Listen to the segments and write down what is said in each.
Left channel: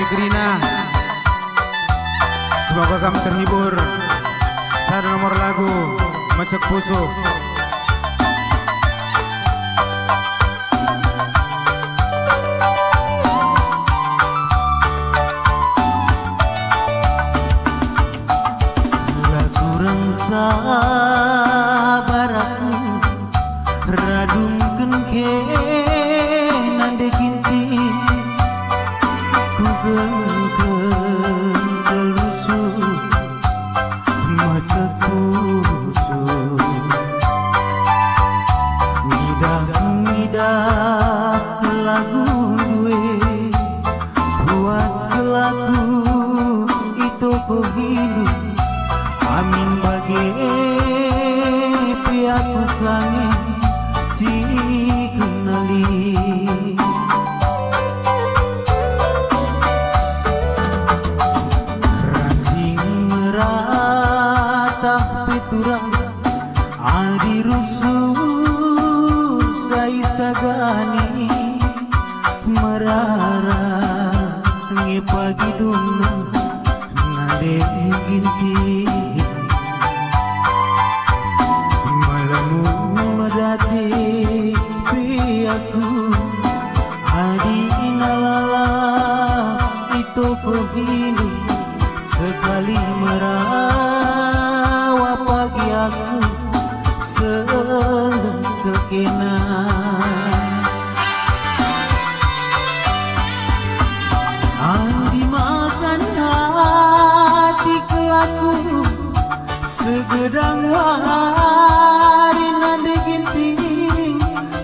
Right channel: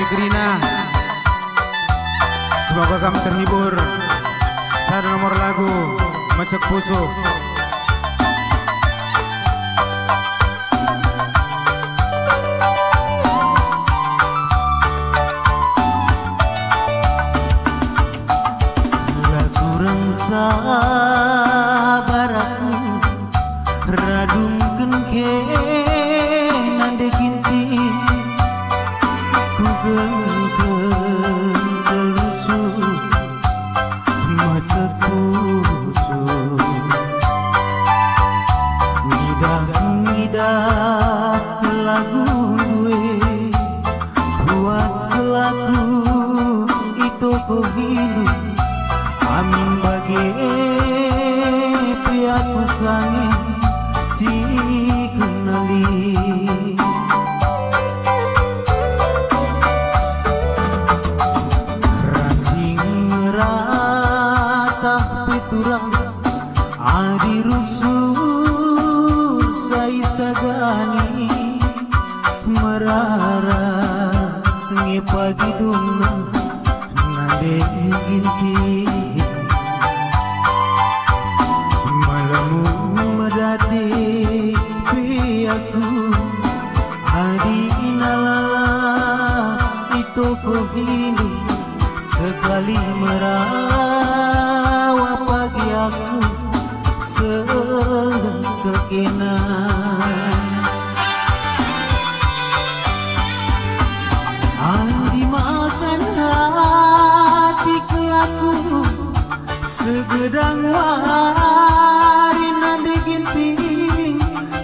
Negrina. Semoga kamu terhibur. Satu nomor lagu Macet Pusuh. Lagu rangsa baraku radung kenke nande kinti ku gelusuh macet pusuh ngidah lagu gue puas kelaku itu ku hidup amin bagi piatu kangen si kenali ranting meratah peturang adi rusur sai sagani merara ngepagi duna nade inti madati piaku adi nalala itu ku hidup sekali merawat pagi aku sekelkenan adi makan hati kelaku segedang wari nande ginti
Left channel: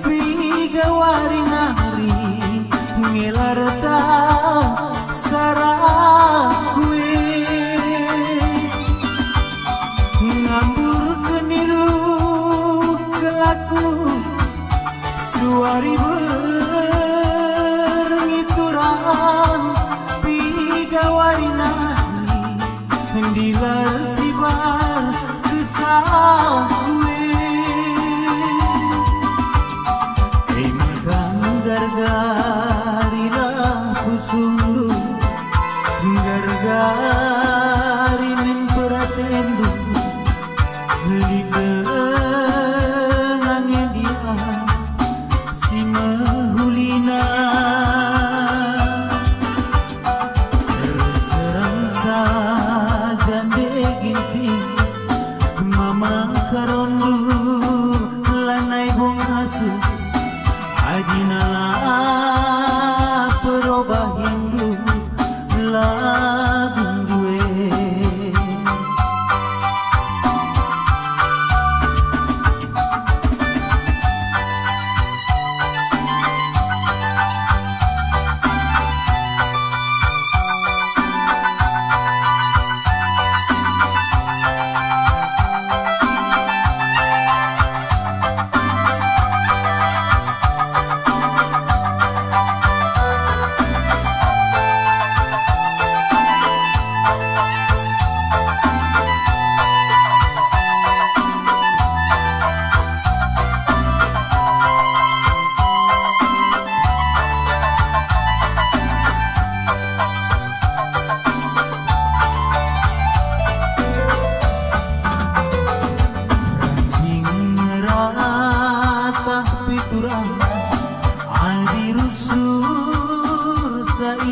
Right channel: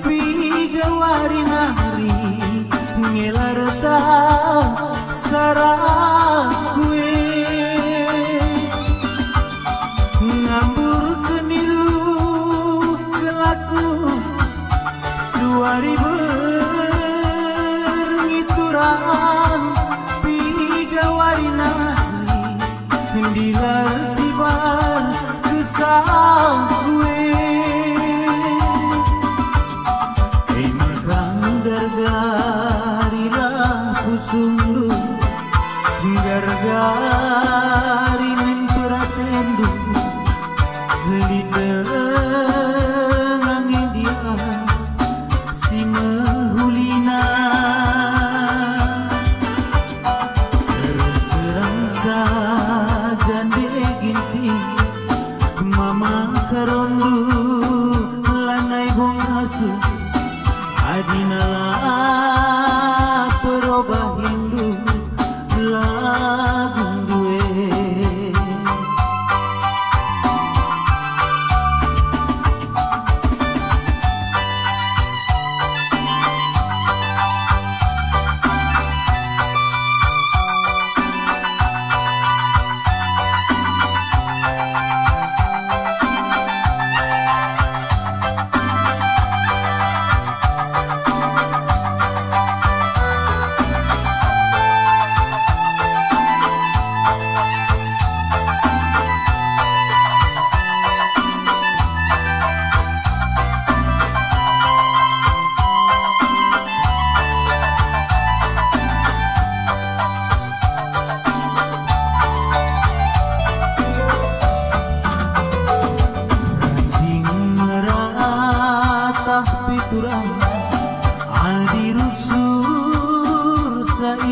piga wari nari ngelarta sarah gue ngambur kenilu kelaku suari berngiturang piga wari nari dilar sibar kesal gue magang gargarilah kusunglu gargari min peratendu lidang dia si mehulina terus terang saja deginti memakerondu lanai bung asu adinala perubah hindu lagu gue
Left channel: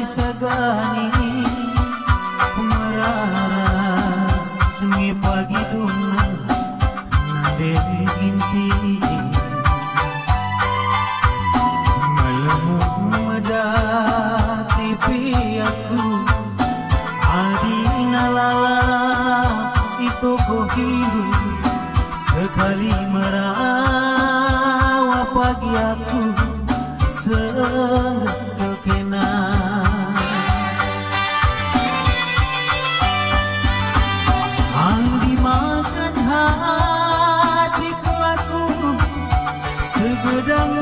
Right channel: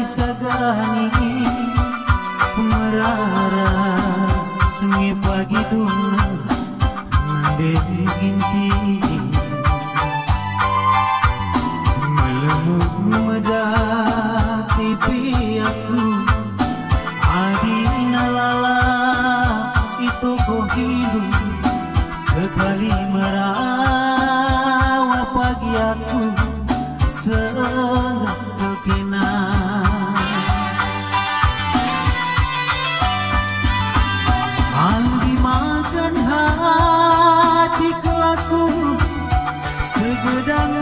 sagani merara ngepagi duna nade ginti melemu medati piaku adi nalala itu kau hidup sekali merawat pagi aku sekelkenan andi makan hati kelaku segedang